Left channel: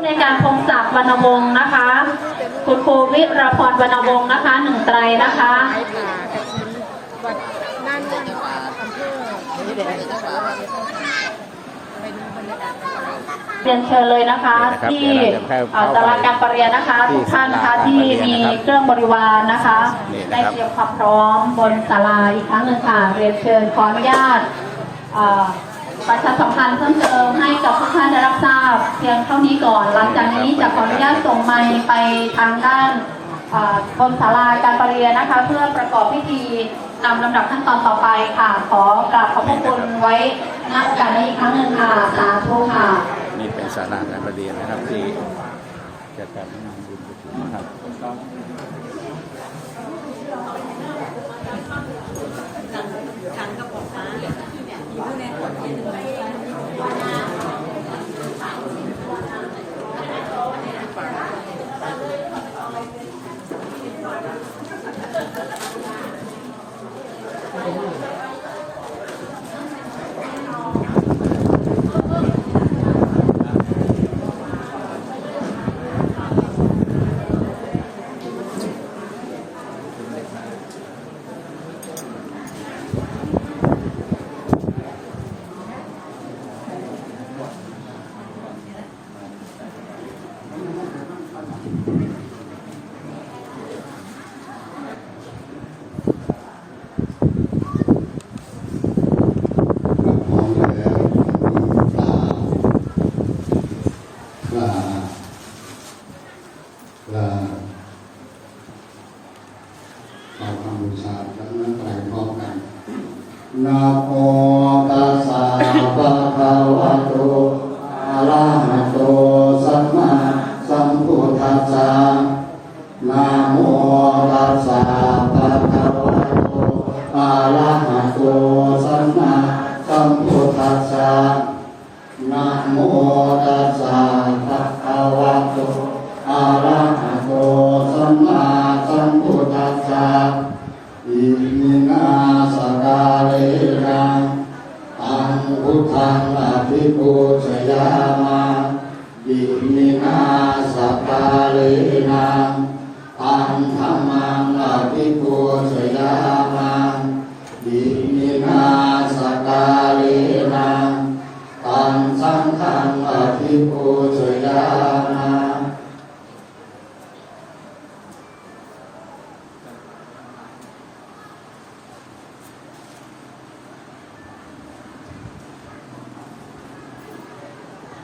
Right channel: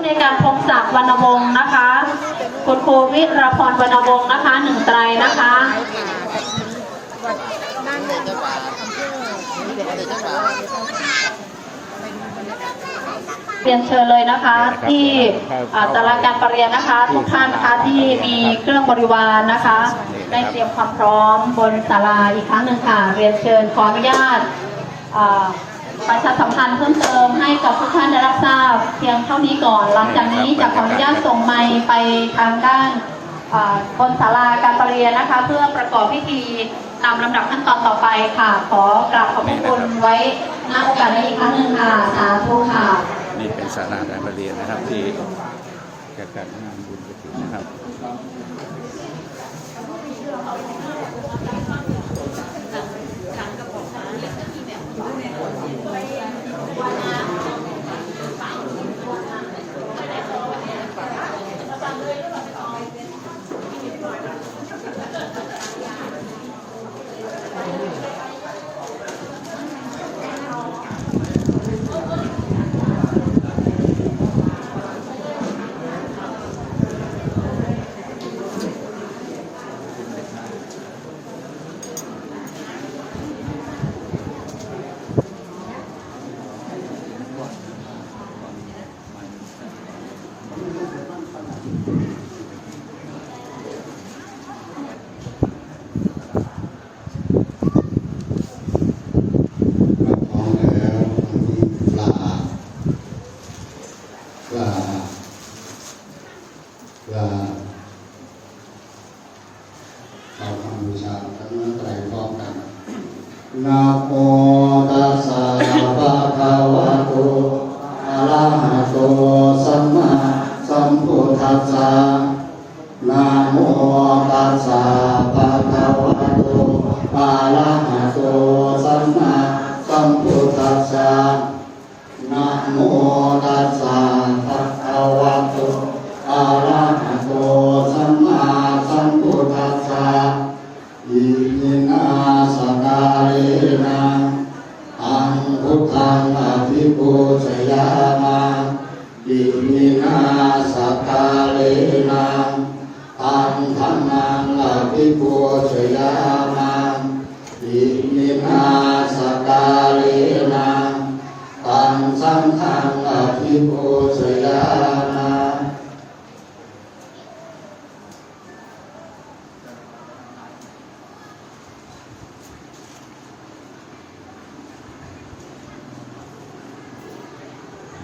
ผู้ในการพงศักดิ์วรรณวงศ์นะคะคุณครูวิรพรวรรณวงศ์นะคะ1 ไตรนะคะผ่ากระถินวัดด้านนี้อำเภอจังหวัดร้อยเอ็ดไปดูบรรยากาศกันเรียนเชิญเลยนะคะที่ศาลาการประเรียนนะคะทุกท่านนะคะที่มีเครื่องบริวารนะคะได้เตรียมความพร้อมบนศาลาอีกครั้งหนึ่งค่ะเรียนเชิญขออนุญาตประชาสัมพันธ์เพิ่มเติมให้กับทุกท่านได้รับทราบเพียงเท่านี้ก่อนหลังจากนี้จะขออนุญาตส่งไมค์ไปทางด้านบนศาลาการประเรียนนะคะเพื่อประกอบพิธีนำลำดับขั้นตอนต่อไปค่ะขอกราบขอบพระคุณไว้ณโอกาสนี้อีกครั้งหนึ่งค่ะสาธุค่ะนี่เป็นศาลาการประเรียนนะครับที่จัดการงานบุญกฐินนะครับนะโมตัสสะภะคะวะโตอะระหะโตสัมมาสัมพุทธัสสะนะโมตัสสะภะคะวะโตอะระหะโตสัมมาสัมพุทธัสสะนะโมตัสสะภะคะวะโตอะระหะโตสัมมาสัมพุทธัสสะอิมินาสการเรนะอังพุทธังอภิปูชยามาอิมินาสการเรนะอังธัมมังอภิปูชยามาอิมินาสการเรนะอังสังฆังอภิปูชยามา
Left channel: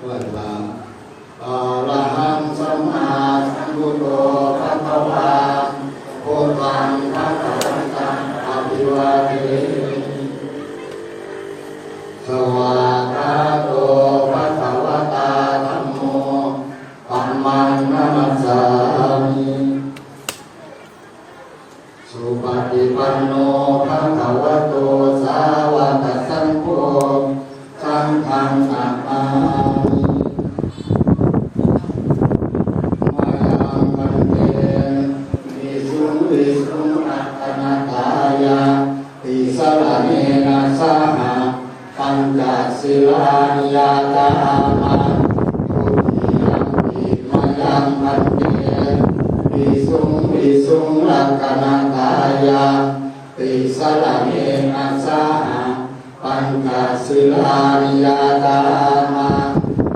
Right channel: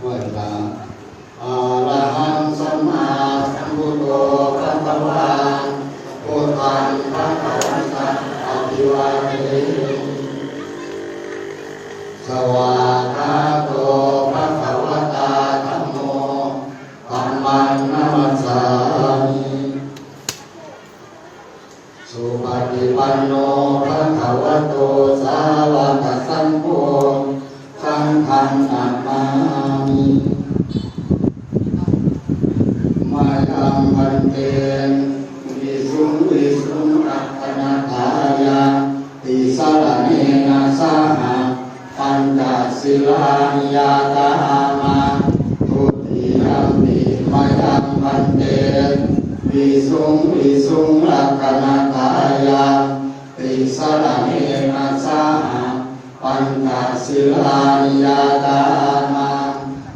วัดว่าอะระหังสัมมาสัมพุทโธภะคะวะพุทธังภะคะวันตังอภิวาเทสวากขาโตภะคะวะตาธัมโมธัมมังนัมสสามิสุปฏิปันโนภะคะวะโตสาวกสังโฆสังฆังนะมามิมายังมันเตวิสุงรัตนาทายาติสรเนนะสหะปัญจศีลานิยาตามาทุติยัมปิมายังมันเตวิสุงรัตนาทายาติสรเนนะสหะปัญจศีลานิยาตามา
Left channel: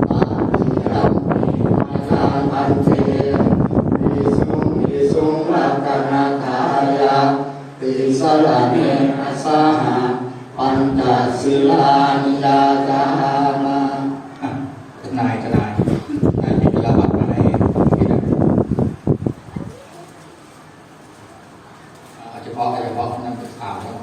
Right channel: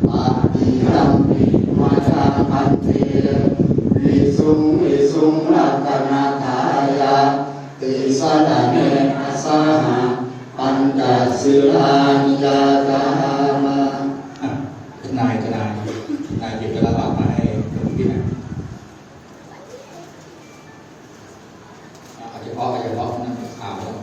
ปฏิยัมปิมาจังพันเตวิสุงรัตนาทายาติสรเนนะสหะปัญจศีลานิยาตามาทนายมีเวลาบัตรมาให้ที่ไหนอาจจะเพราะนั่นเป็นข่าวแล้ว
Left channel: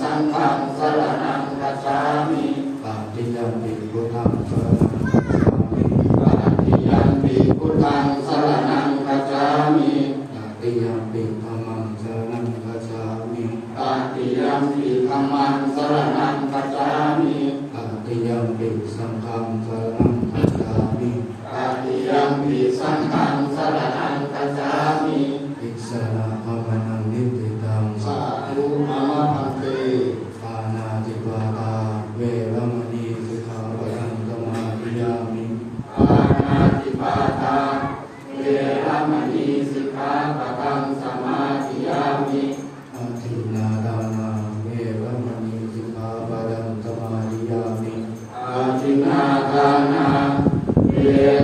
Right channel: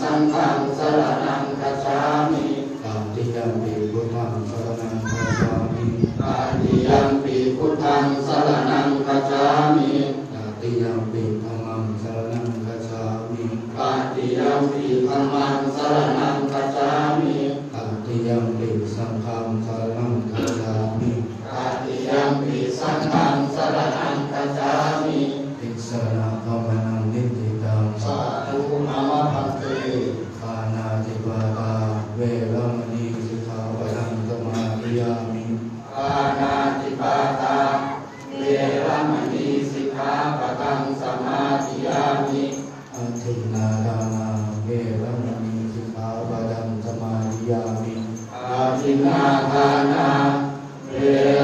สังฆังสรณังคัจฉามิตติยัมปิพุทธังสรณังคัจฉามิตติยัมปิพุทธังสรณังคัจฉามิตติยัมปิธัมมังสรณังคัจฉามิตติยัมปิธัมมังสรณังคัจฉามิตติยัมปิสังฆังสรณังคัจฉามิตติยัมปิสังฆังสรณังคัจฉามิอิสระภวนังนิพพิตังสาธุนามัสสะปานาติปาตาเวรมณีสิกขาปะทังสมาธิยามิปานาติปาตาเวรมณีสิกขาปะทังสมาธิยามิอัตถินาทานาเวรมณีสิกขาปะทังสมาธิยามิอาทินนาทานาเว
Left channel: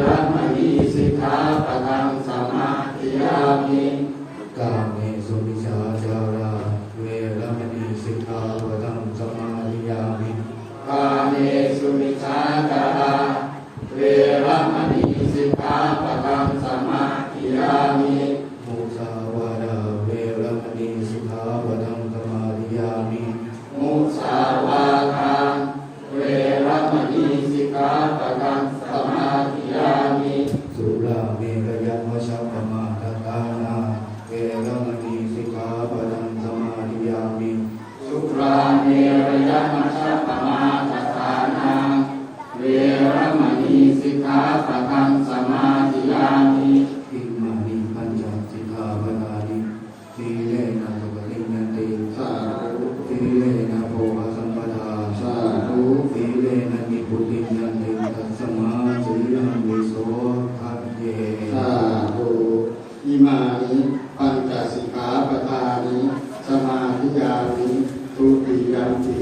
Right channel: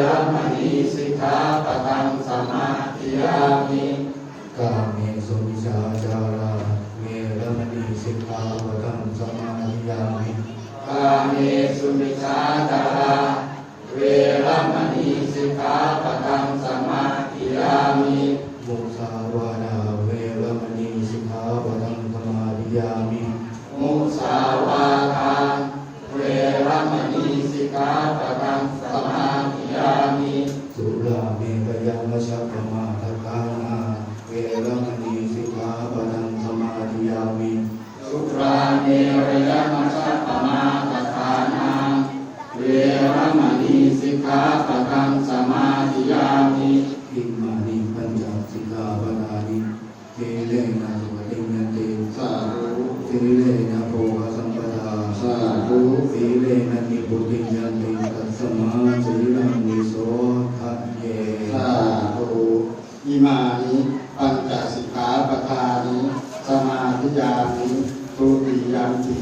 รมณีสิกขาปะทังสมาธิยามิกาเมสุมิจฉาจาราเวรมณีสิกขาปะทังสมาธิยามิกาเมสุมิจฉาจาราเวรมณีสิกขาปะทังสมาธิยามิมุสาวาทาเวรมณีสิกขาปะทังสมาธิยามิมุสาวาทาเวรมณีสิกขาปะทังสมาธิยามิสุราเมรยมัสสะปมาทฐานาเวรมณีสิกขาปะทังสมาธิยามิสุราเมรยมัสสะปมาทฐานาเวรมณีสิกขาปะทังสมาธิยามิอิมานิปัญจสิกขาปะทานิทีเลนะสุขติยันติสาธุทีเลนะโภคสัมปทาสาธุทีเลนะนิพุติยันติตัสสมาสีลังวิโสทัพเยสาธุอิมานิปัญจสิกขาปะทานิสมาธิยามิทุติยัมปิ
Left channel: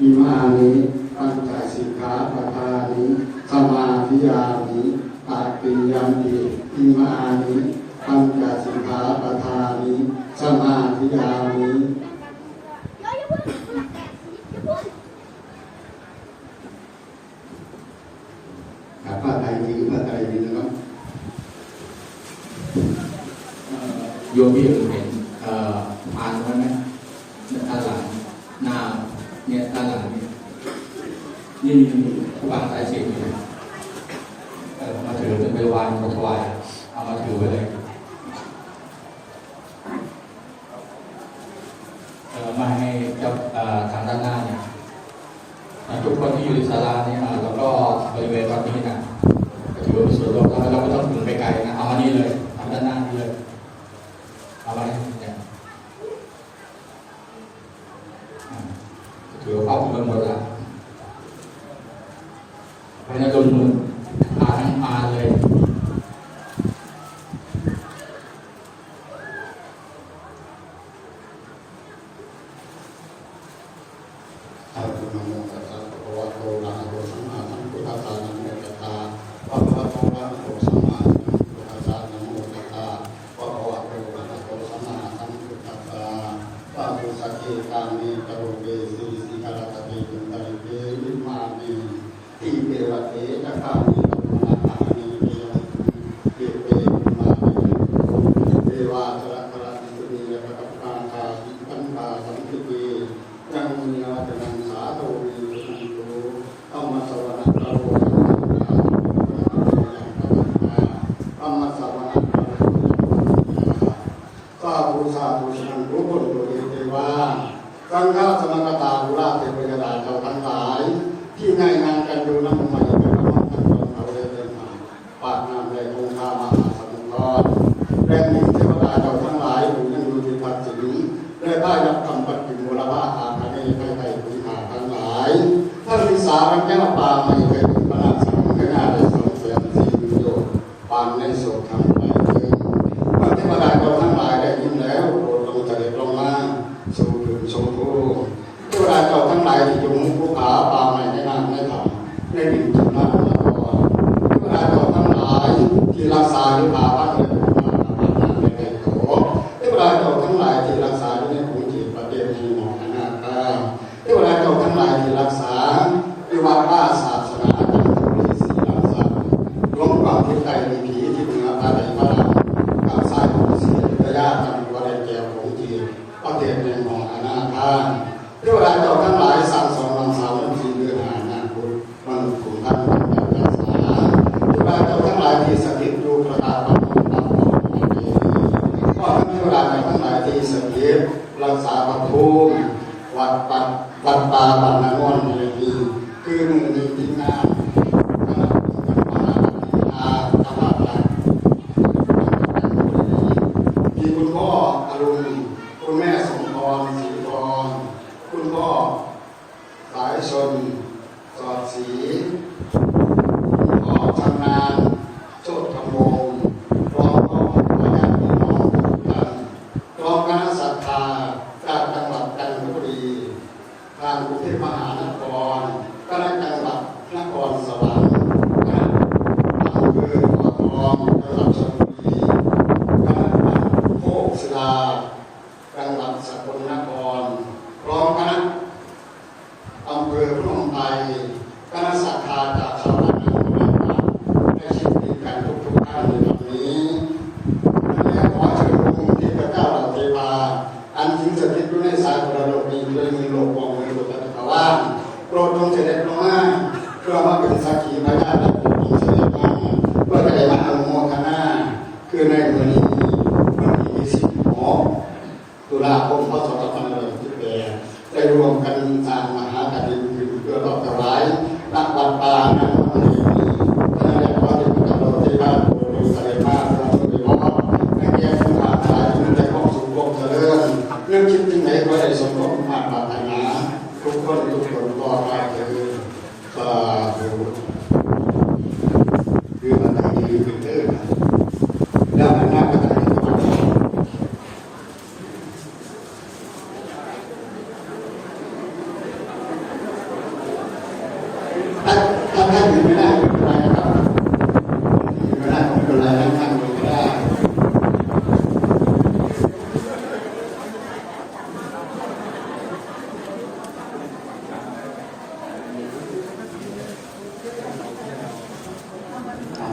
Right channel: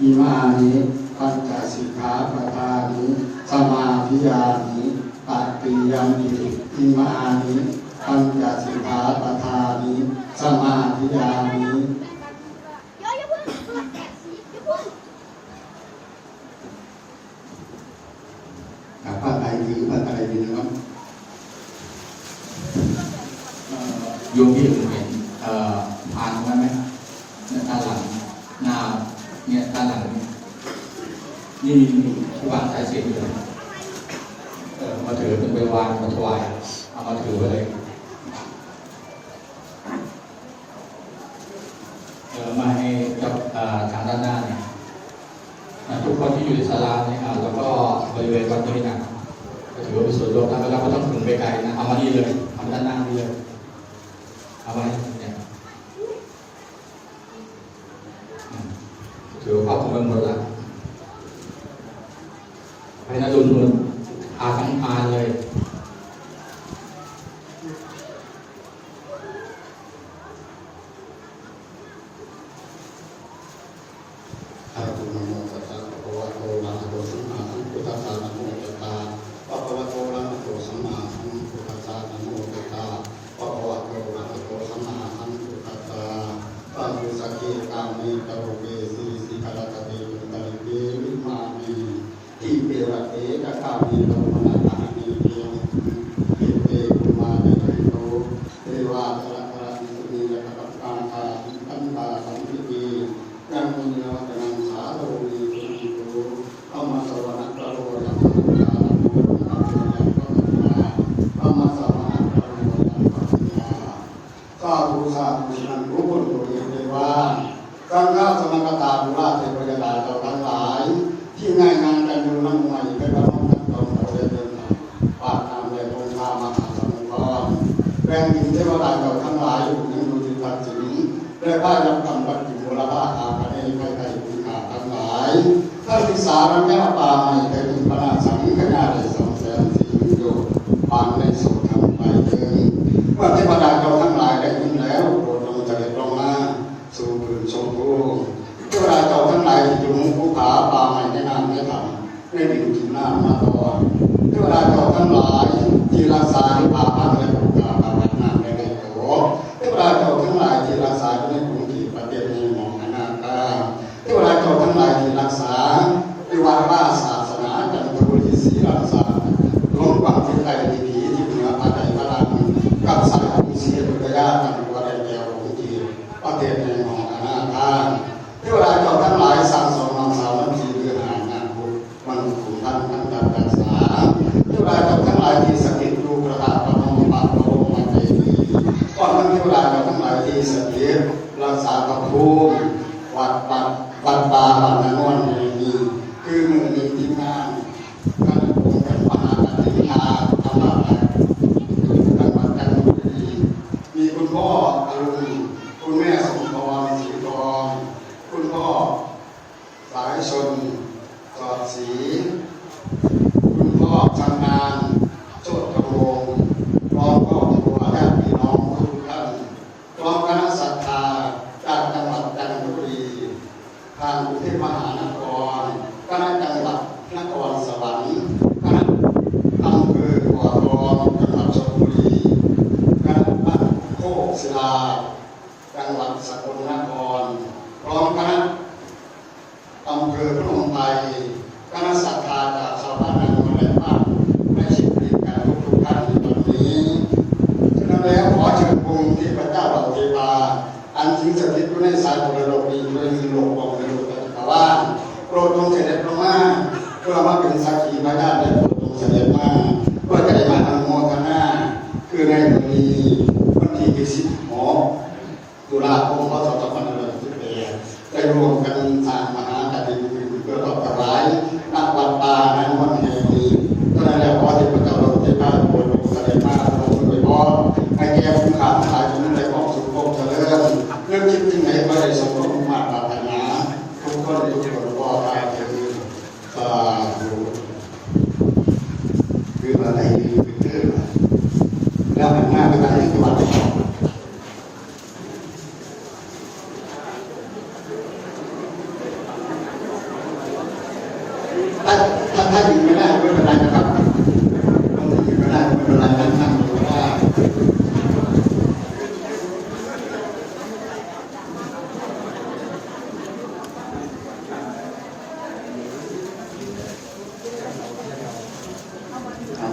อิมานิปัญจสิกขาปะทานิสมาธิยามิตัตติยัมปิอิมานิปัญจสิกขาปะทานิสมาธิยามิผ้าไตรดีผ้าไตรดีนะครับโยมที่เห็นอ่านไว้ไหมด้านหลังหน้าเนี่ยด้านหลังนี่วางสายเสียงอยู่มาถือเป็นไปวางมาถวายเอามาถือไปเลยมาให้เจ้าทางด้านหน้าเนี่ยทุกคนที่อยู่ในศาลาเนี่ยแล้วก็บริเวณวัดนี้นะถือว่าเป็นส่วนรวมแล้วเราก็ต้องถึงไปไกลนะเอามานี่เลยเอาด้านหน้านี่เลยเอาไว้เนี่ยถือว่าครอบคลุมหมดแล้วไปนะลุงทั้งอาเลยสังฆาสนังกตาบุราเทพยดาเจ้าทั้งหลายที่ง่ายงานกันดูมันใหม่จะกำลังจะต้องเราเรียนเดินทางปาดนามแรงองค์ธรรมมหาสมุทรแรงหนึ่งเทวดาเจ้าทั้งหลายอยู่ยังดูดีการสิงได้บ้ายับกำปัดกิโมระอาอาคาเนไกไก่ภูขาทั้งหลายท่านที่สารัญญาปาไม่เคยถึงพระราสังขณะได้ส่งเสียงสีโยปานในโสทำไปถึงวันเทวดาเจ้าทั้งหลายได้ยินแล้วโปรดลงใจลงมาสู่คืนชมพูเทวดาเจ้าทั้งหลายที่อยู่ภูผาป่าไม้ในน้ำในถ้ำในดิ่งจุดหน้ามาตอนเทวดาเจ้าทั้งหลายที่รักษาที่ป่าพันธุ์และภูผาป่าพันธุ์น้ำในไก่โตเทวดาเจ้าทั้งหลายที่รักษาในกรุงเทพไป วันนี้คือมือนี้ทีมงานคณะองค์การมหาปฏิญาธรรมะมีคุณพ่ออรุณคุณแม่สมพรศรีทองคุณพ่อสายชนสอดศรีคุณพ่อชำนาญโชติธรรมวงศ์พร้อมก็มีญาติพี่น้องทุกท่านพร้อมคณะศรัทธาจากจังหวัดจันทบุรีทางกรุงเทพมหานครคณะจังหวัดนครสวรรค์คณะอำเภอบ่อทองจังหวัดชลบุรีคณะโคกศิลาจังหวัดสกลนครพร้อมคณะอำเภอพนมไพรคณะศรัทธาจากชาวบ้านนั้นมาต่างและชิดติดกันทุกท่านในวันนี้แล้วขอเชิญองค์ที่พระเจ้าเหล่าเทวาอันถึงสถิตอยู่ในสายมรดกดีด้วยมือโลกของในโลกจักรวาลโปรดจงเสด็จลงมาเพื่อมาเป็นสักขีพยานและโปรดจงเสด็จมาเพื่อจะได้มาอนุโมทนาคือในวันนี้วันที่16 ตุลาคมพ.ศ. 2518ได้รวมกันสร้างมหากฐินเพื่อรอบถวายณวัดป่านั้นวันนี้ตอนนั้นขอที่พระเจ้าเราเทพาโปรดเสด็จมาทรงโดยพรให้แก่ผู้ขาดสายทุนและความสุขความเจริญเรื่องคิดที่ไหนก็ได้สมความมาตรปรารถนาทุกคนก็ได้คือสาธุคืออะไรคือเรื่องแล้วมันมากก็ได้ที่วัดถ้าอยู่ไม่ได้ไม่เป็นไรนะครับอยู่ไม่ได้ไม่เป็นไรนั่งอยู่ได้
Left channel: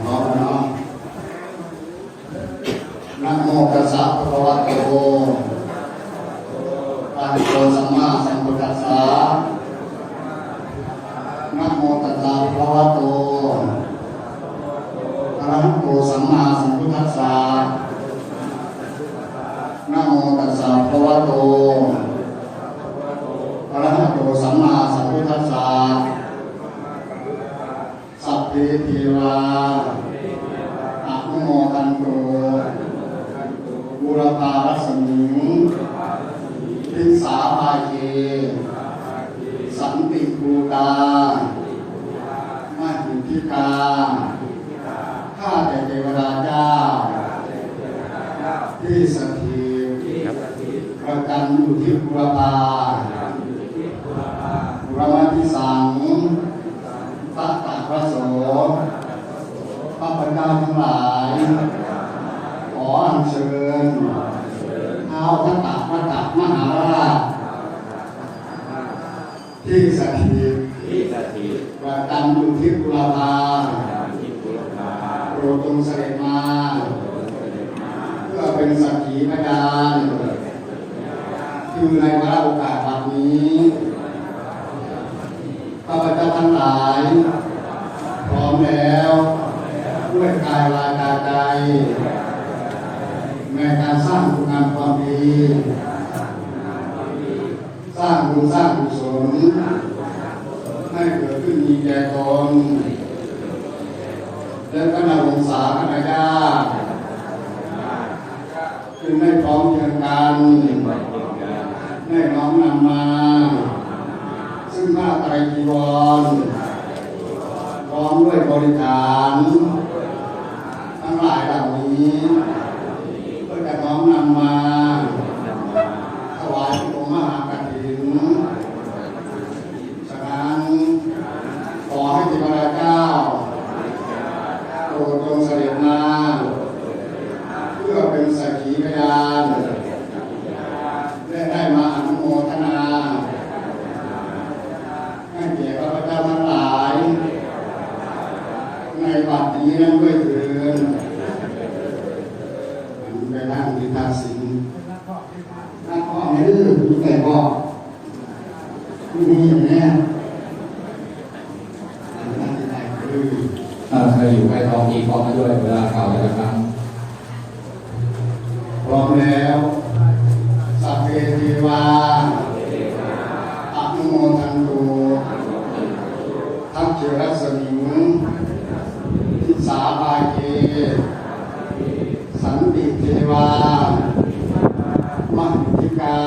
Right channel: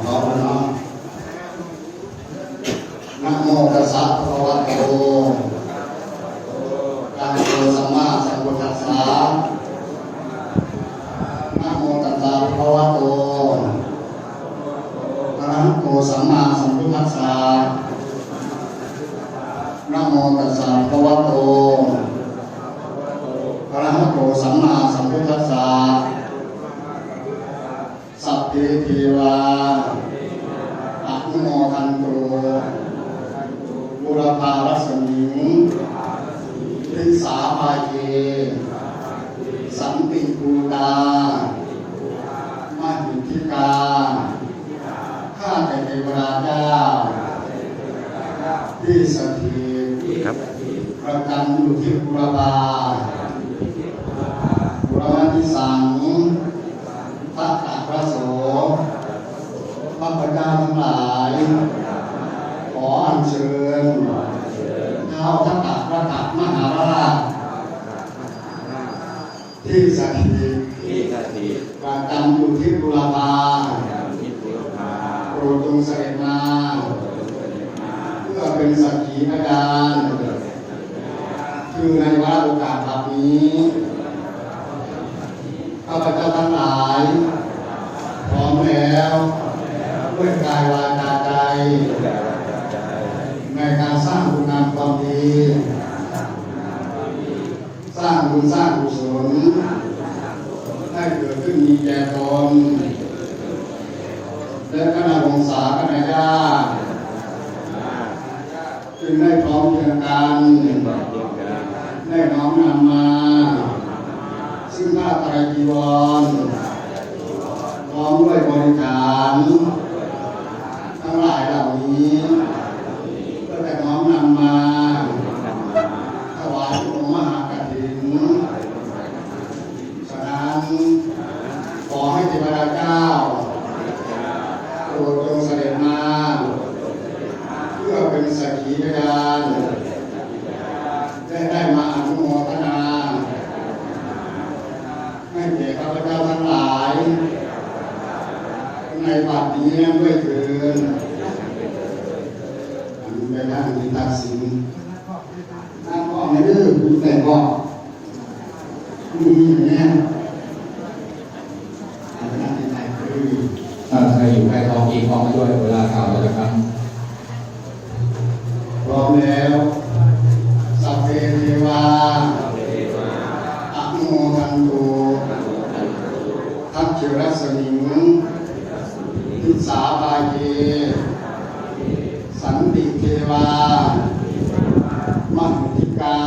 พร้อมแล้วเนาะนะโมตัสสะภะคะวะโตอะระหะโตสัมมาสัมพุทธัสสะนะโมตัสสะภะคะวะโตอะระหะโตสัมมาสัมพุทธัสสะนะโมตัสสะภะคะวะโตอะระหะโตสัมมาสัมพุทธัสสะสัพเพเทวาอะนุโมทันโตบุรพารัสมิงทิสาภาเยสันติภูตามาหิทิกาข้าแต่เทวดาเจ้าที่สถิตประจำอยู่ที่บุรพาบุรมาทิสังพระตักพระโสพระพุทธเจ้าทั้งหลายขออัญเชิญท้าวทัตตะพระตักมหาราชที่สถิตประจำอยู่ที่บุรพาโปรดจงเสด็จมาเพื่อเป็นสักขีพยานคือในวาระโอกาสแบบนี้ข้าพเจ้าทั้งหลายพร้อมแล้วด้วยกายวาจาใจในการสร้างคุณงามความดีสร้างบุญสร้างกุศลให้เกิดขึ้นมีแก่ตนและคณะวงศาคณะญาติจึงได้พร้อมเพรียงกันได้น้อมนำมาซึ่งผ้าไตรจีวรพร้อมด้วยบริขารทั้งหลายเหล่านี้เพื่อจะน้อมนำมาถวายองค์มหากฐินฉะนั้นขอให้เทวดาเจ้าโปรดจงเสด็จมาเพื่อเป็นสักขีพยานได้มาอนุโมทนาให้แก่ข้าพเจ้าทั้งหลายในบัดนี้นั้นด้วยเถิดในทางมีตาสิงนั่งก็ในเรื่องมีแต่ก็มีอย่างนี้นั่งที่ไหนคือถ้าอยู่ใกล้ท้องอีกออกมาด้วยเวลาข่าวเราจะฟัง พร้อมแล้วสัพเพเทวาอะนุโมทันโต วามหิทธิกา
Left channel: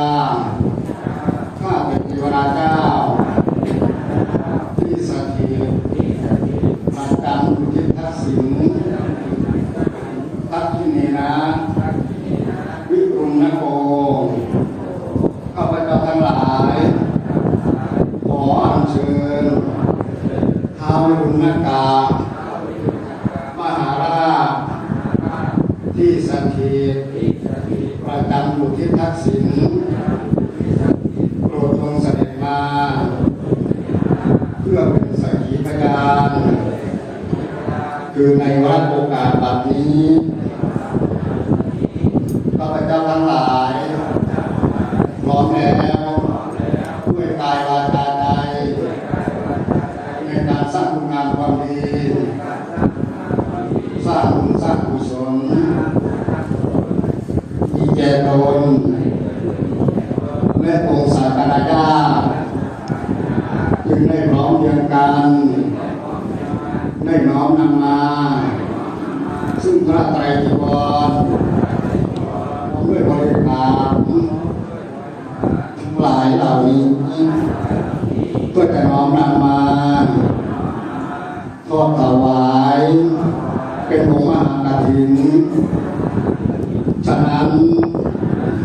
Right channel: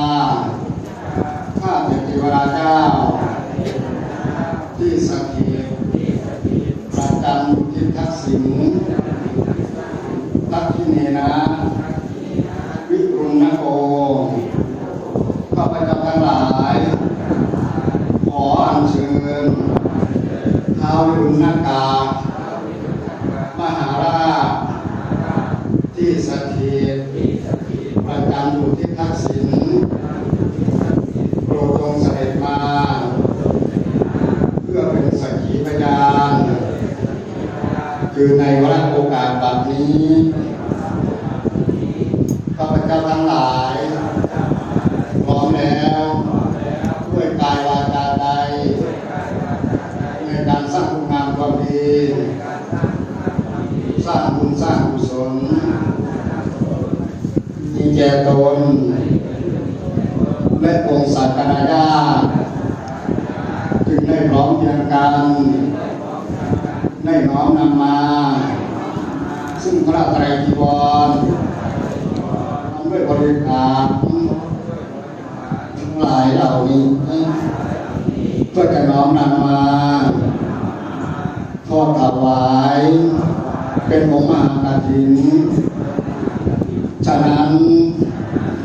ข้าแต่เทวราเจ้าที่สถิตประจำอยู่ที่ทักษิณทักษิเนนะวิรุณโกข้าพเจ้าทั้งหลายขออัญเชิญท้าววิรุณกามหาราชที่สถิตประจำอยู่ที่ทักษิณโปรดทรงเสด็จมาเพื่อเป็นสักขีพยานคือในวาระโอกาสแบบนี้ข้าพเจ้าทั้งหลายพร้อมแล้วด้วยกายวาจาใจในการสร้างคุณงามความดีสร้างบุญสร้างกุศลมีแก่ตนและองค์ศาสนาญาติจึงได้พร้อมเพรียงกันได้น้อมนำมาซึ่งพระไตรจีวรด้วยบริการทั้งหลายเหล่านี้เพื่อจะน้อมนำมาทอดถวายเป็นองค์มหากฐินฉะนั้น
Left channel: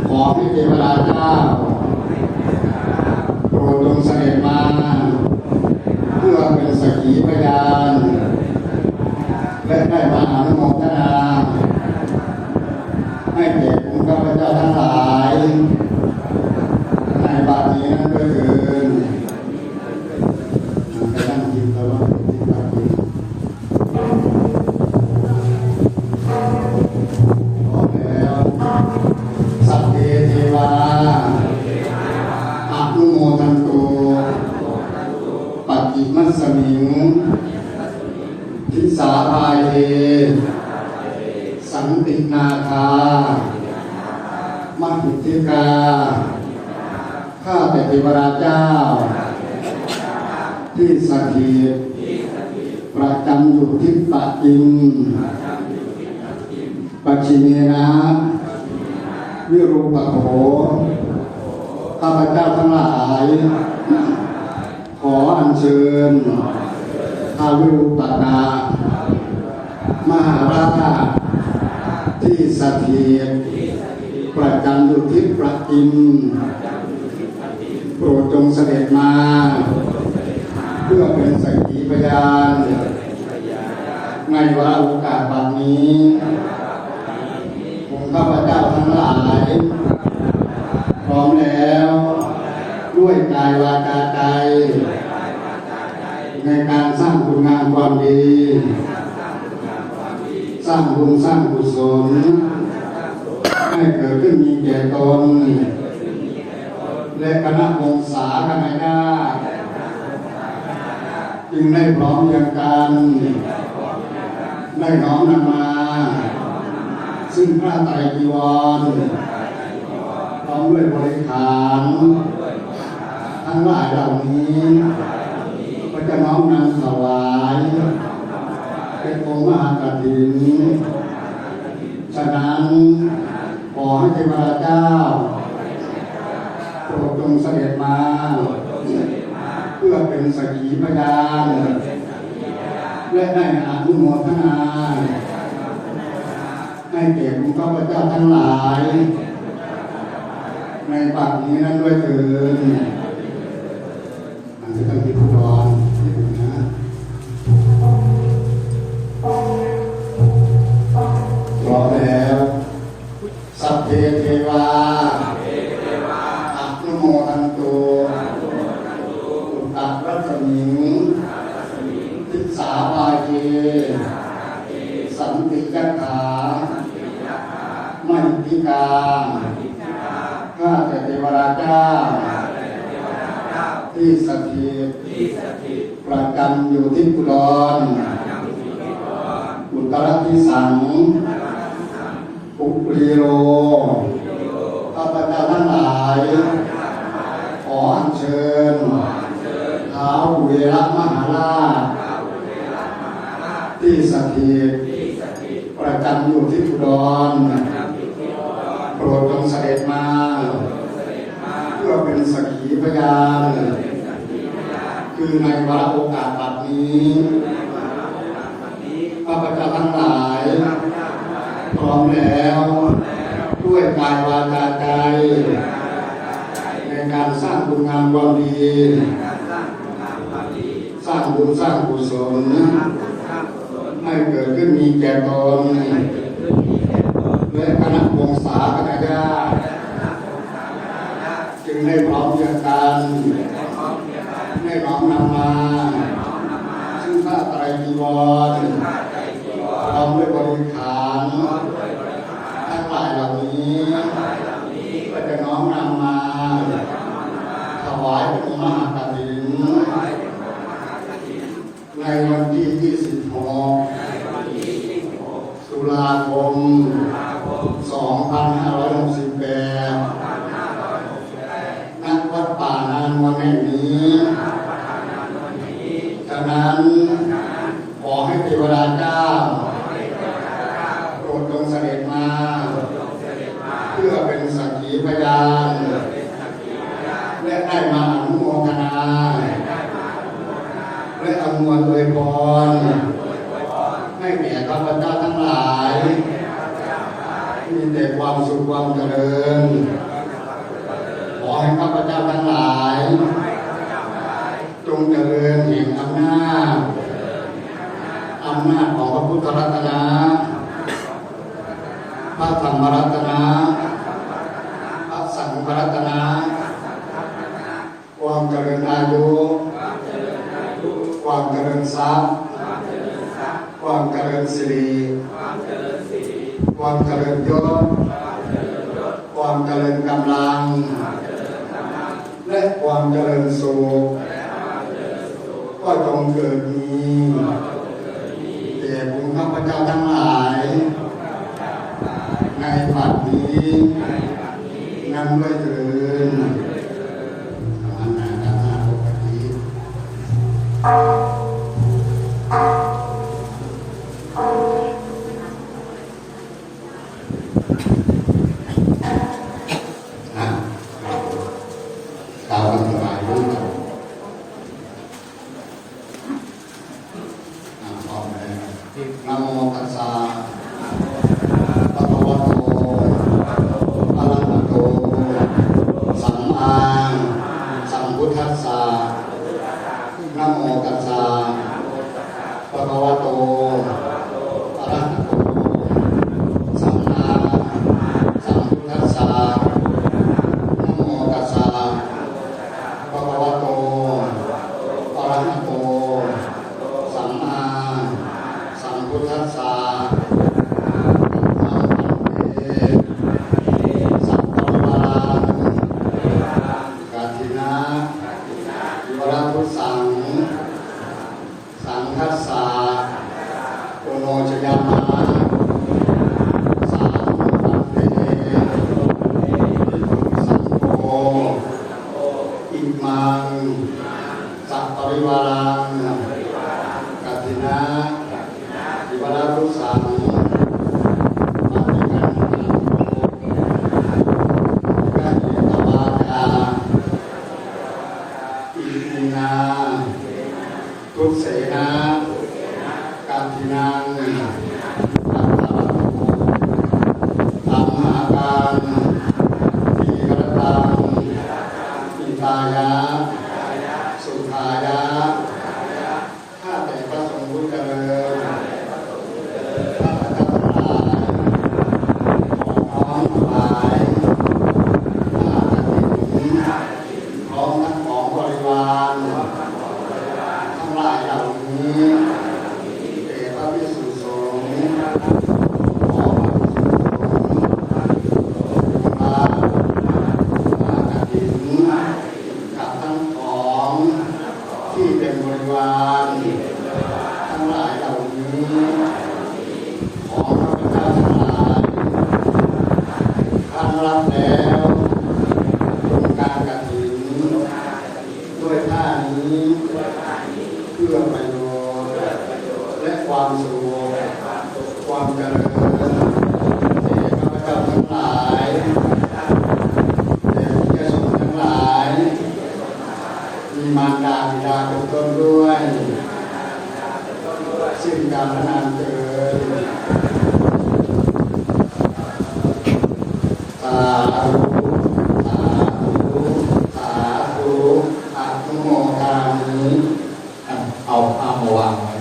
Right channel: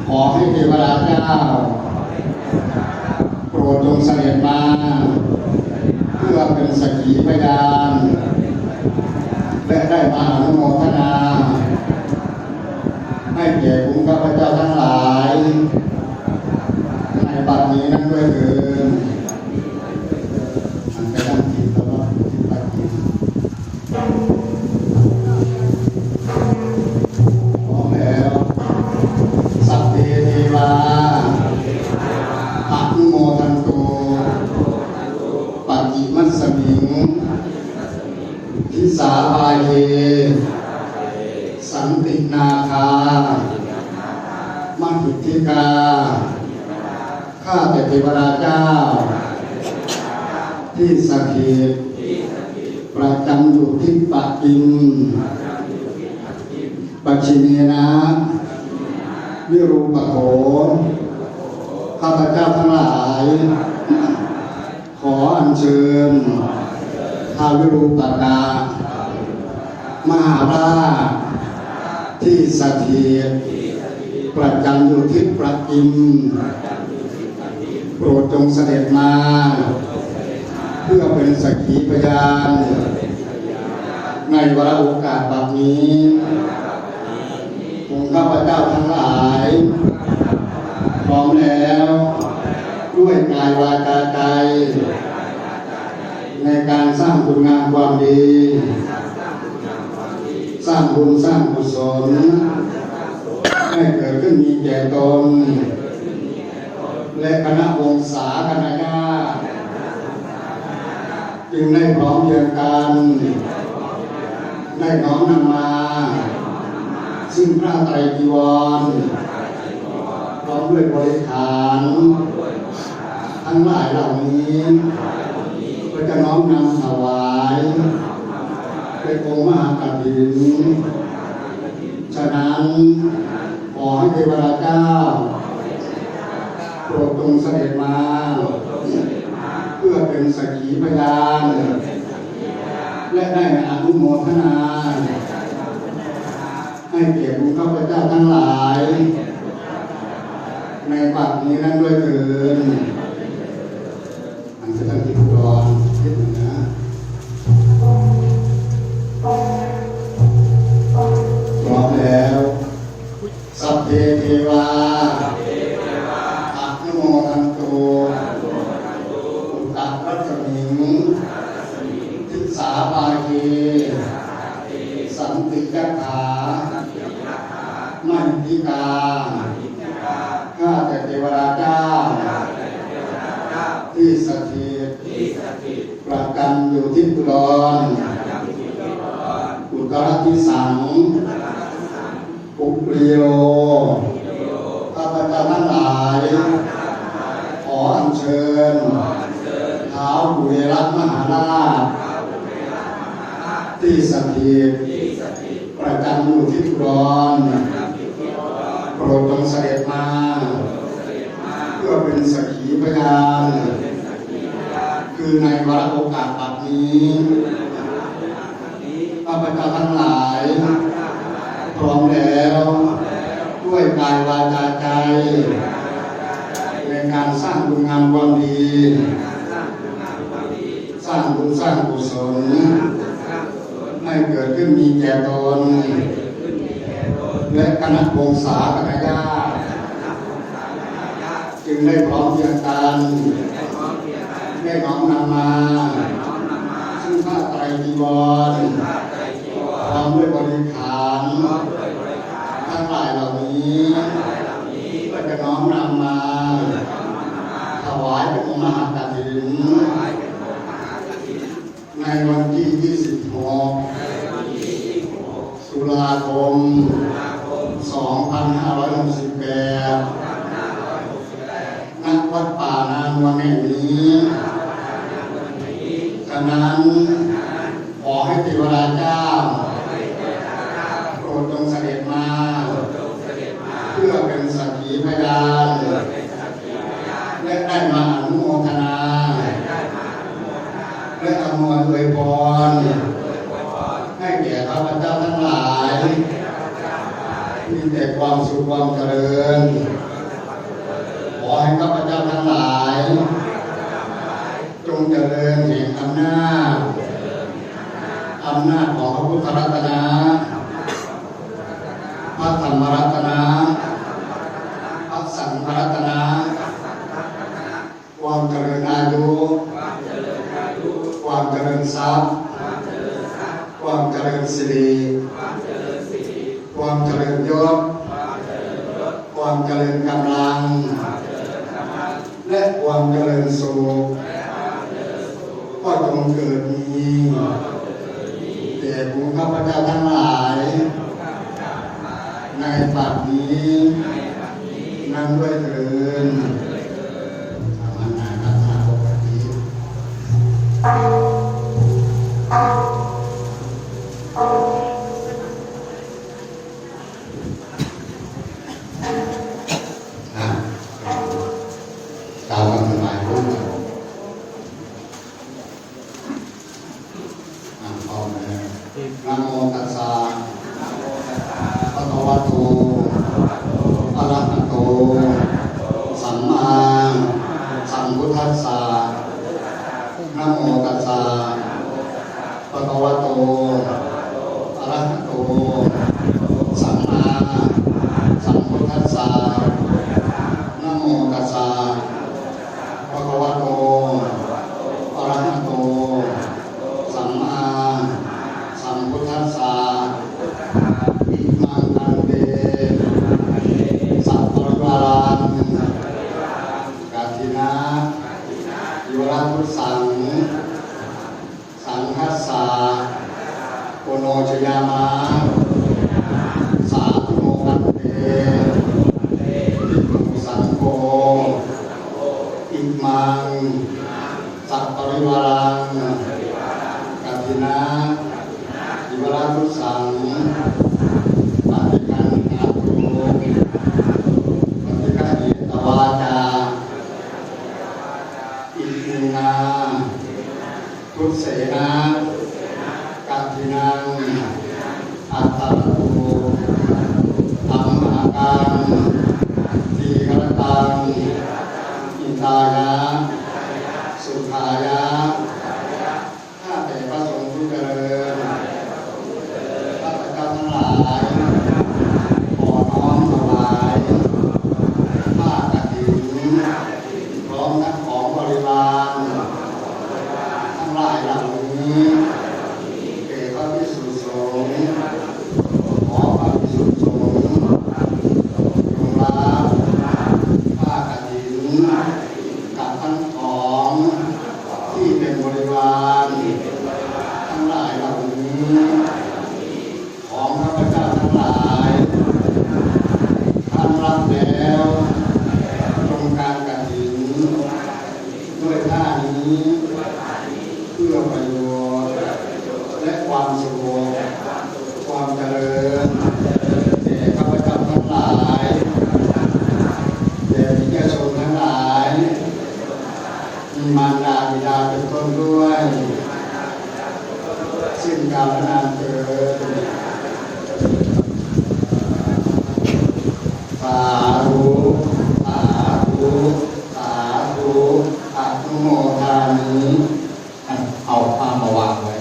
ขอให้เทวราเจ้าโปรดจงเสด็จมาเพื่อเป็นสักขีพยานและได้มาอนุโมทนาให้แก่คุณข้าพเจ้าทั้งหลายในบัดนี้นั้นด้วยเถิดไปนั่งกินตลอดที่ตักกินพร้อมแล้วสัพเพเทวาอนุโมทันตุปัจจิมัสสมิงทิสาภาเยสันตินาคามหิทธิกาข้าแต่เทวราเจ้าที่สถิตประจำอยู่ที่ปัจจิมปัจฉิเนนะวิรูปโขข้าพเจ้าทั้งหลายขออัญเชิญท้าววิรูปกามหาราชที่สถิตประจำอยู่ที่ปัจจิมโปรดจงเสด็จมาเพื่อเป็นสักขีพยานในวาระโอกาสแบบนี้องค์ข้าพเจ้าทั้งหลายพร้อมแล้วด้วยกายวาจาใจในการสร้างคุณงามความดีสร้างบุญสร้างกุศลให้เกิดขึ้นมีแก่ตนและคณะวงศาคณะญาติจึงได้พร้อมเพรียงกันได้น้อมนำมาซึ่งพระไตรจีวรพร้อมด้วยบริขารทั้งหลายเหล่านี้ก็จะน้อมนำถวายเป็นองค์มหากฐินฉะนั้นขอให้เทวราเจ้าโปรดจงเสด็จมาเพื่อเป็นสักขีพยานและได้อนุโมทนาให้แก่คุณข้าพเจ้าทั้งหลายในบัดนี้นั้นด้วยเถิดอันเป็นที่ผู้ดอนที่ดูนะพร้อมแล้วสัพเพเทวาอนุโมทันตุอุตตรัสมิงทิสาภาเยสันติจักขามหิทธิกาข้าแต่เทวราเจ้าที่สถิตประจำอยู่ที่อุดรอุตรทิสังปุปรีโลข้าพเจ้าทั้งหลายขออัญเชิญท้าวกุเวรมหาราชที่สถิตประจำอยู่ที่อุดร จงเสด็จมาเพื่อเป็นสักขีพยานคือในวาระโอกาสบัดนี้ข้าพเจ้าทั้งหลายพร้อมแล้วด้วยกายวาจาใจในการสร้างบุญงามความดีสร้างบุญสร้างกุศลให้เกิดขึ้นมีแก่ตนและคณะวงศาคณะญาติจึงได้พร้อมเพรียงกันได้น้อมนำมาซึ่งผ้าไตรจีวรพร้อมด้วยบริขารทั้งหลายเหล่านี้ก็จะน้อมนำมาถวายเป็นมหากฐินในวันที่26 ตุลาคม 2568 ณ วัดป่านานวันแห่งนี้ฉะนั้นขอให้เทวดาเจ้าโปรดจงเสด็จมาเพื่อเป็นสักขีพยานและได้มาอนุโมทนาและอำนวยอวยพรให้แก่ข้าพเจ้าทั้งหลายมีแต่ความสุขความเจริญขอให้ข้าพเจ้าทั้งหลายจงเจริญแห่งอำนาจของพระพุทธรัตนะพระธรรมรัตนะพระสังฆรัตนะความเจริญอายุความเจริญทรัพย์ความเจริญสิริความเจริญยศความเจริญกำลังและความเจริญสุขก็จงเกิดมีแก่บุญข้าพเจ้าทั้งหลายในบัดนี้นั่งด้วยเถิดอาณาจักรปกติตามสบายรู้พร้อมแล้วนะโมตัสสะภะคะวะโตอะระหะโตสัมมาสัมพุทธัสสะนะโมตัสสะภะคะวะโตอะระหะโตสัมมาสัมพุทธัสสะนะโมตัสสะภะคะวะโตอะระหะโตสัมมาสัมพุทธัสสะอิมังปันเตสัพพะวารังกัตถินะวิวรังพุทธังสังคัสสะโอโนชยามะสาธุโมปันเตภิกขุสังโฆอิมังสัพปริวารังกัตถินะวิวรังพุทธังปฏิคันหาตุปฏิคันหิตวาจาอิมินาทุเสนากัตถินังอัตตะโตอัมมากังทีฆรตังอิตายะสุขายะข้าแต่พระสงฆ์ผู้เจริญข้าพเจ้าทั้งหลายขอน้อมถวายผ้ากฐินพร้อมทั้งของบริวารทั้งหลายเหล่านี้แก่พระภิกษุสงฆ์ขอพระภิกษุสงฆ์จงรับผ้ากฐินกับทั้งของที่เป็นบริวารทั้งหลายเหล่านี้ของพระพุทธเจ้าทั้งหลายท่านรับแล้วจงการกฐินด้วยผ้านี้เพื่อประโยชน์และความสุขความเจริญแก่ข้าพเจ้าทั้งหลาย มารดาบิดาเป็นต้นด้วยสิ้นกาลนานเถิดสาธุสาธุสาธุอนุโมทามิ เอาผ้ามาวางไว้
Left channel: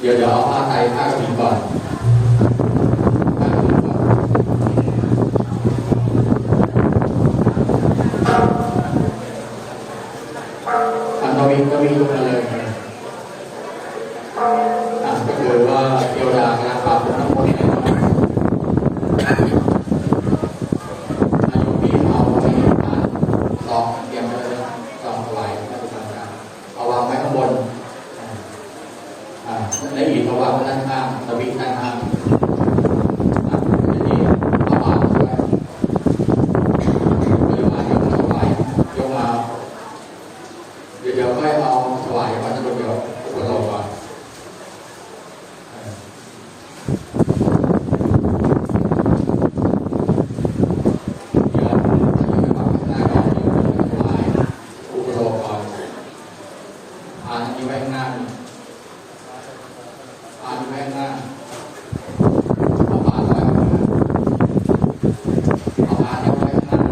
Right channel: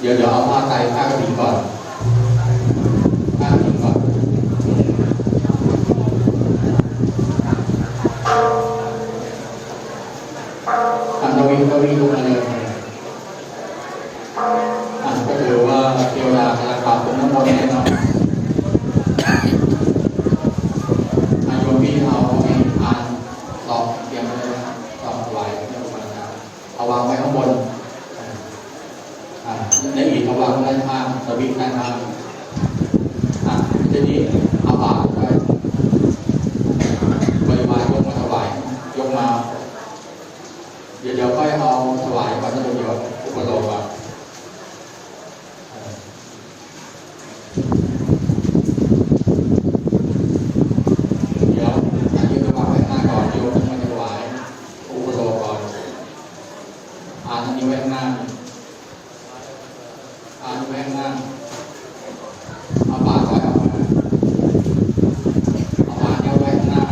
เดี๋ยวเอาผ้าไตรผ้ากฐินก่อนผ้ากฐินก่อนอันตรงนี้ก็วิ่งลงมาเลยก็คือว่าเทวดาจะปรับเป็นน้ำมนต์ให้เราให้ตรงนี้เอาไปอ่านต่อเตรียมไว้เลยต่อถวายให้พระอาจารย์เอาวางไว้ข้างบนและอีกเอาวางด้านข้างสวิตช์ด้านข้างทีนี้เอาบาตรไว้บริวารยกมาถวายยกมาเดี๋ยวค่อยเอาถวายก่อนนะเดี๋ยวอุปโลกก่อนเดี๋ยวให้ยกมาไว้ข้างหน้าก่อนยกมาถวายอุปโลกก่อนอันนี้ไว้ข้างหน้าแม่งนั่งเอาบาตรไว้ข้างหน้าเอาบาตรไว้ข้างหน้า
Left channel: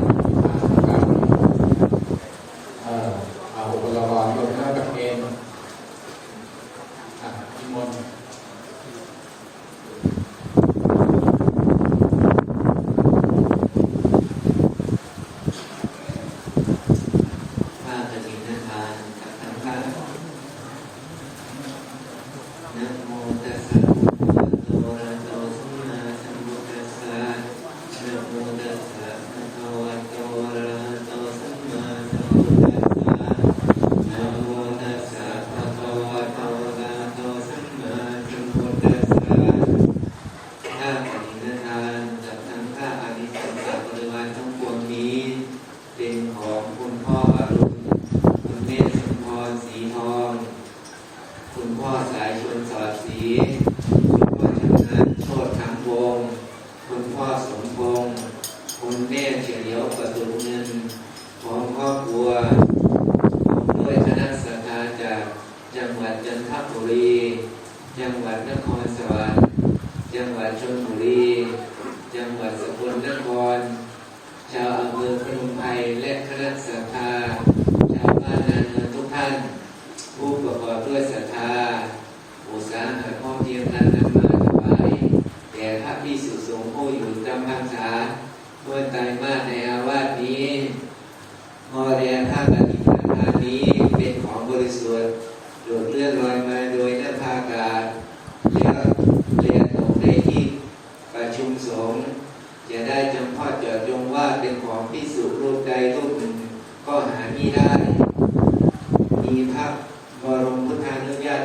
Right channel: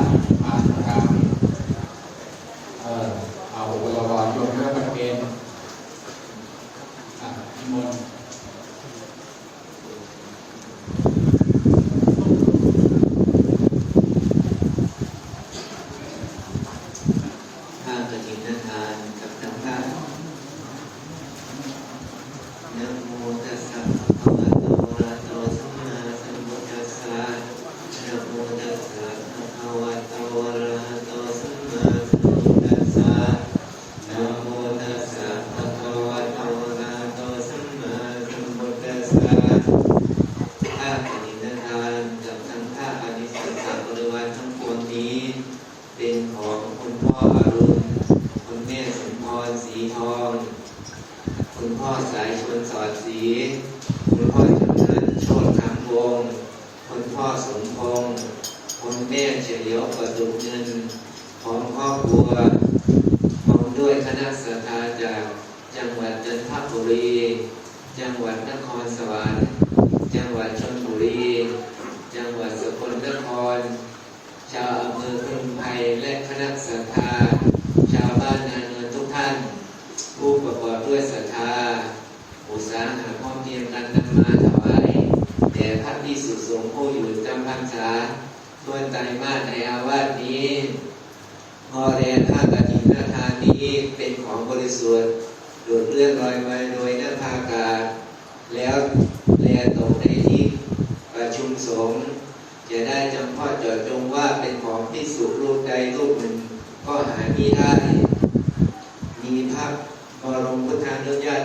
ครับเอาอุปกรณ์ยกเครื่องประเคนนิมนต์ถ้าจะมีเรื่องการกับทางท่านนะโมตัสสะภะคะวะโตอะระหะโตสัมมาสัมพุทธัสสะนะโมตัสสะภะคะวะโตอะระหะโตสัมมาสัมพุทธัสสะนะโมตัสสะภะคะวะโตอะระหะโตสัมมาสัมพุทธัสสะถ้าปฏิญาณทานจากทางข้าอานิสงส์บริวารทั้งปวงนี้เป็นของคุณพ่ออรุณคุณแม่สมพรสีทองคุณพ่อสายชวนสอดสีคุณพ่อจำนันโชติคำวงศ์คุณพ่อสมพงศ์คุณแม่เฉลียวประตูเงินของครอบครัวด้วยคณะสัตยาจากจังหวัดจันทบุรีจังหวัดนครสวรรค์จังหวัดชลบุรีจังหวัดสกลนครชาวอำเภอพนมไพรและคณะสัตยาชาวบ้านนาเนินทุกท่านผู้ประกอบด้วยศรัทธาอุตสาหะพร้อมเพรียงกันนำมาถวายแด่พระภิกษุสงฆ์ผู้อยู่จำพรรษาต้นไตรมาสในอาวาสนี้พอแลผ้ากฐินทานนี้เป็นของบริสุทธิ์โดดเลื่อนลอยมาโดยหน้าภาอากาศแล้วแลตกในที่ประชุมสงฆ์จะได้จำเพาะเจาะจงว่าเป็นของภิกษุรูปใดรูปหนึ่งก็หามิได้มีพระบรมพุทธานุญาต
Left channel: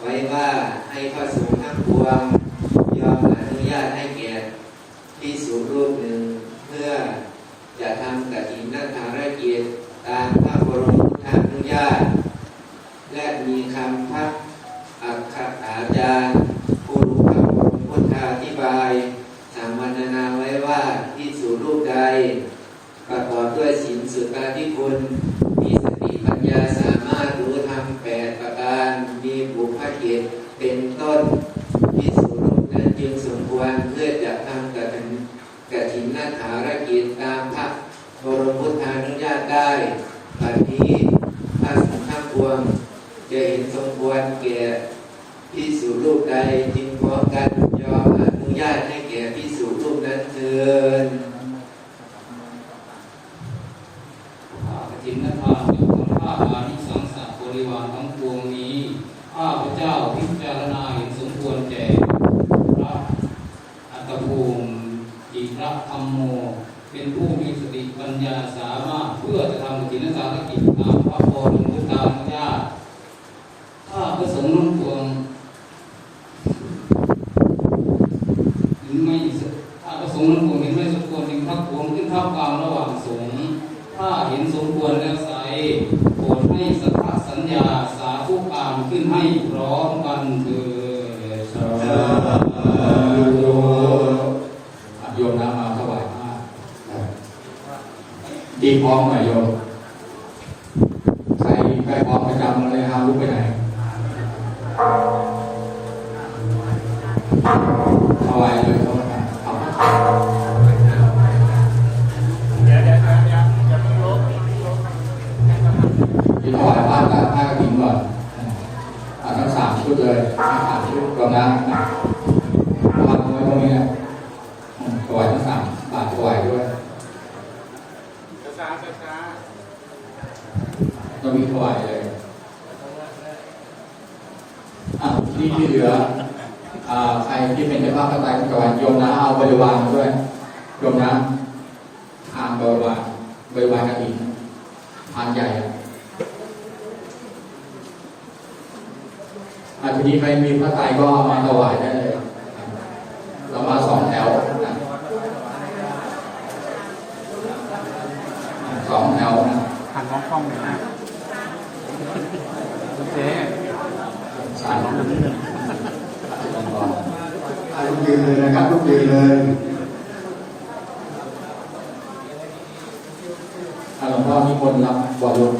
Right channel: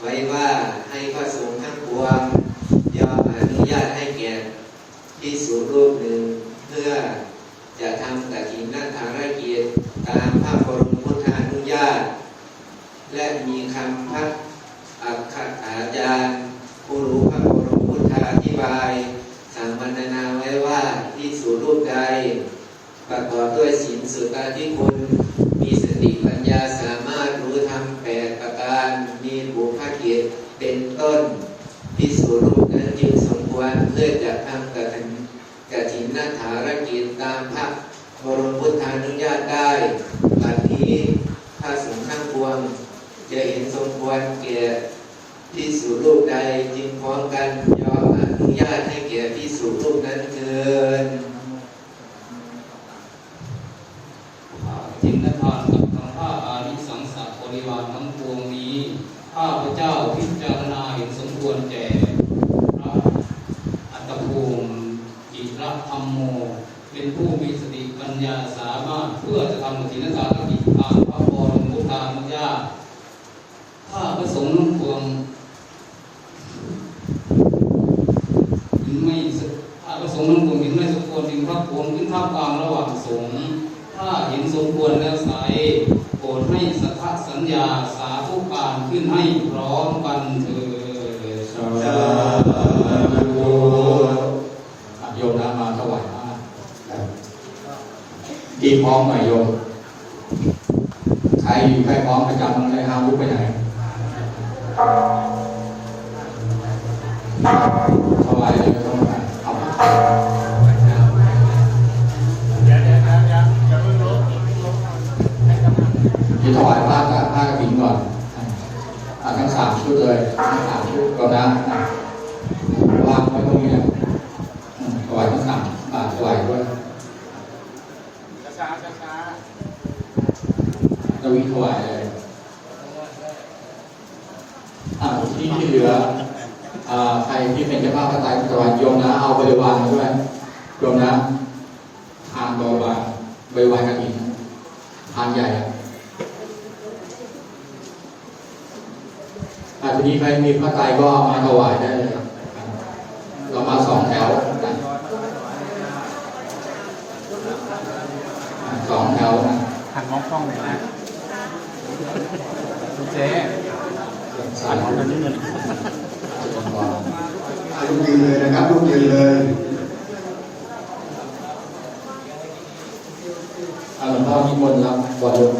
ไว้ว่าให้พระสงฆ์ทั้งปวงยอมอนุญาตให้แก่ภิกษุรูปหนึ่งเพื่อจะทำกฐินทานกิจตามพระบรมพุทธานุญาตและมีคำพระอักขอาจารย์ผู้รู้พระบรมพุทธาธิบายสัมมนาไว้ว่าภิกษุรูปใดประกอบด้วยศีลสุตติคุณมีสติปัญญาสามารถรู้ธรรม8ประการมีบุพกิจเป็นต้นภิกษุรูปนั้นจึงสมควรเพื่อจะทำกฐินทานกิจตามพระบรมพุทธานุญาตได้บัดนี้พระสงฆ์ทั้งปวงจะเห็นสมควรแก่ภิกษุรูปใดจึงพร้อมกันยอมอนุญาตให้แก่ภิกษุรูปนั้นเถิด ถินทานกับทั้งข้าอานิสังสะบริวารทั้งปวงนี้ข้าพเจ้าพิจารณาเห็นสมควรแก่พระอัตตภูมิอิระธรรมโมเป็นผู้มีสติปัญญาสามารถเพื่อจะทำถินทานกิจตามพระบรมพุทธานุญาตข้าพระสงฆ์ทั้งปวงไม่ข้าพระสงฆ์ทั้งปวงเห็นไม่สมควรจึงพักรวมขึ้นท่ามกลางระหว่างสงฆ์ถ้าเห็นสมควรแล้วไสโปรดให้สัทธสัญญาสาธุการขึ้นให้พร้อมกันเถิดสาธุโยมน้ำมาถวายมาดีพร้อมหน่อยโยมใครโย อยู่ใกล้พร้อมประจำเลยครับลุกไปไหนถวายเลยเอาที่ถวายผ้ากฐินก่อนทั้ง3 ชุดเลยทั้ง3 ชุดก่อนนะวางไว้ตรงนี้นะถวายทั้ง3 บาทถวายด้วยจะวิ่งถวายเลยที่เหลือใครที่เป็นเจ้าภาพพระไตรถวายโยมนะเอาบริวารมาด้วยโยมนะทานบริวารกฐินทานใหญ่ทีนี้ใครมีพระไตรก็มาถวายได้เลยเรามา2 แถวนะ2 แถวนะ ทางห้องไหนนะเจ๊ สาย ลุกยืนเลยนะครับลุกยืนเลย หลวงพ่อนิมนต์รับบทลง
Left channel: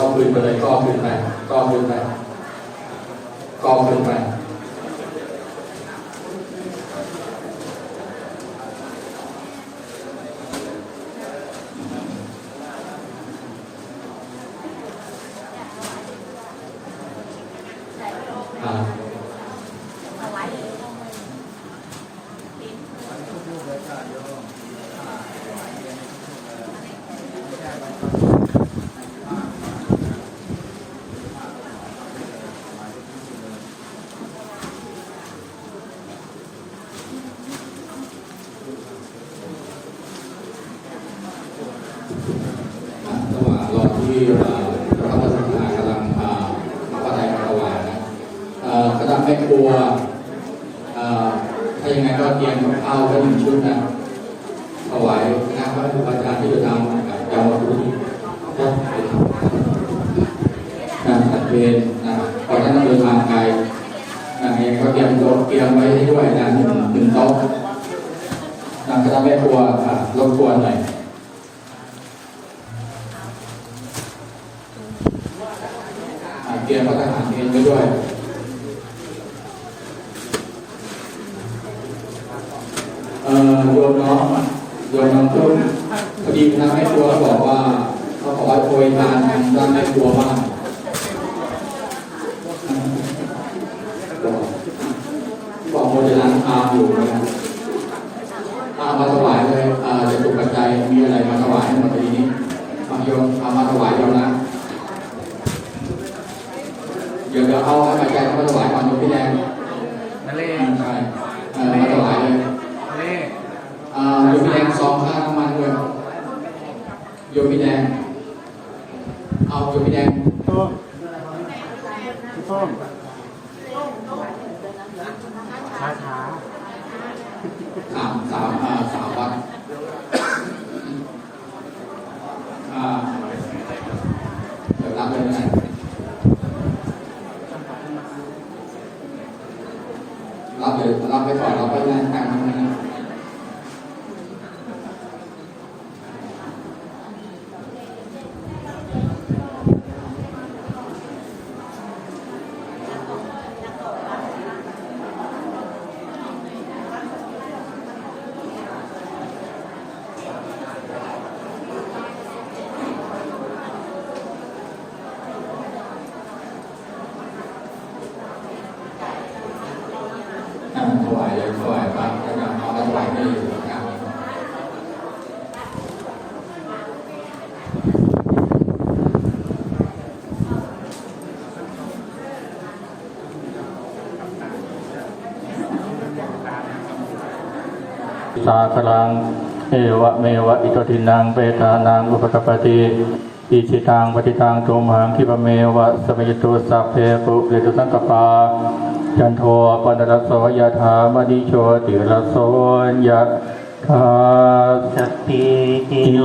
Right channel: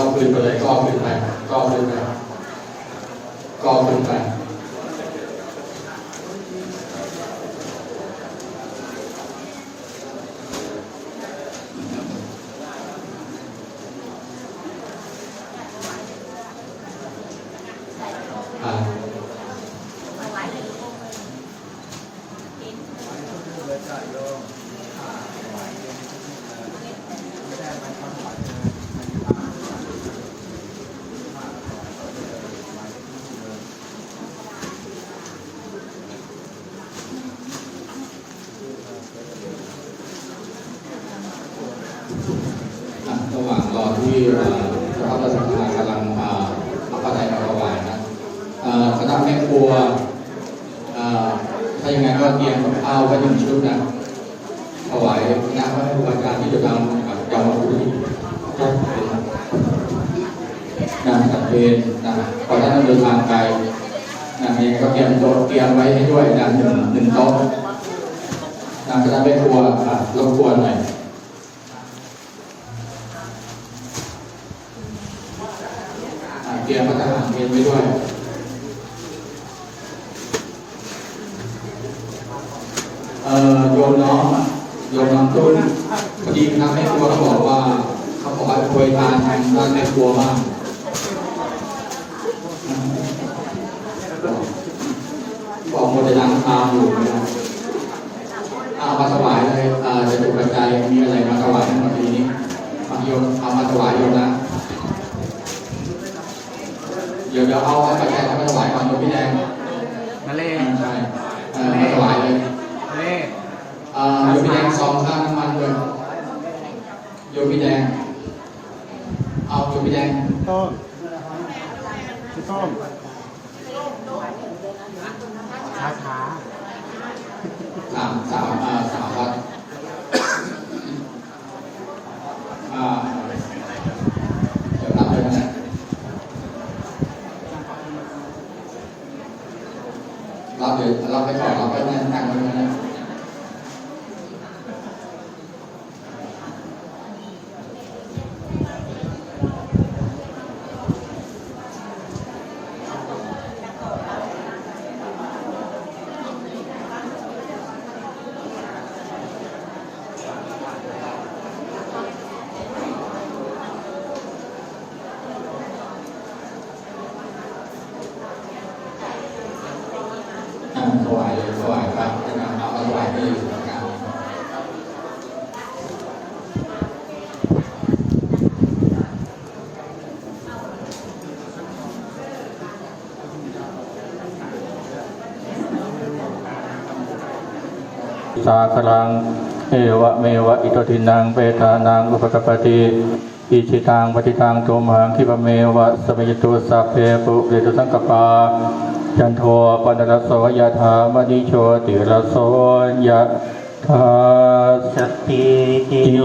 ก็ขึ้นไปเลยก็ขึ้นไปก็ขึ้นไปก็ขึ้นไประหว่างรอที่พระราชทานกำลังพระไตรมาถวายนะคณะแม่ครัวถ้าอย่างไรก็เตรียมกับข้าวไว้1 ชุดนะถวายงานพระครูอาจารย์ที่จะทำยาวทุกที่ตัดเวรนะพอท่านเดินทางไกลนะเองก็เตรียมโต๊ะเตรียมไว้ให้ด้วยนะหนึ่งโต๊ะคณะแม่ครัวรบกวนหน่อยเตรียมพระทหารเพลไว้ด้วยโยนน้องตุ้นพอดีคณะแม่ครัวบอกว่าเขาบอกว่าโปรยทานด้านแม่ครัวบ้างบอกโมเดลล้างตาอยู่นะครับมาถวายเลยจะถูกกระจายมีอะไรมาถวายทั้งหมดทีนี้เอามาถวายโยมนะเดี๋ยวเอาให้ปัจจัยมาถวายก่อนโยมพี่แดงนั่นเองใช่มาถวายเลยโยมพี่แดง2 ค่าน้ำมันเลยโยมพี่แดงเอาโยมพี่แดงต้นช้า3 วัดเดี๋ยวรับเลยนะรับไปก่อนรับไปนั่งตั้งไว้นะถวายไปจะนำเอามาถวายที่อยู่ประการสาคลังเอวะเมวะอิโตทินังเปตานังอุปกปปติอิชิตังปฏิตังตุมหังคิปะเมวะสมัยตุสัพเพปุเรตุสังกปาจันโทปนรสโสยถามณิโชติรสโสยถาสติกิโย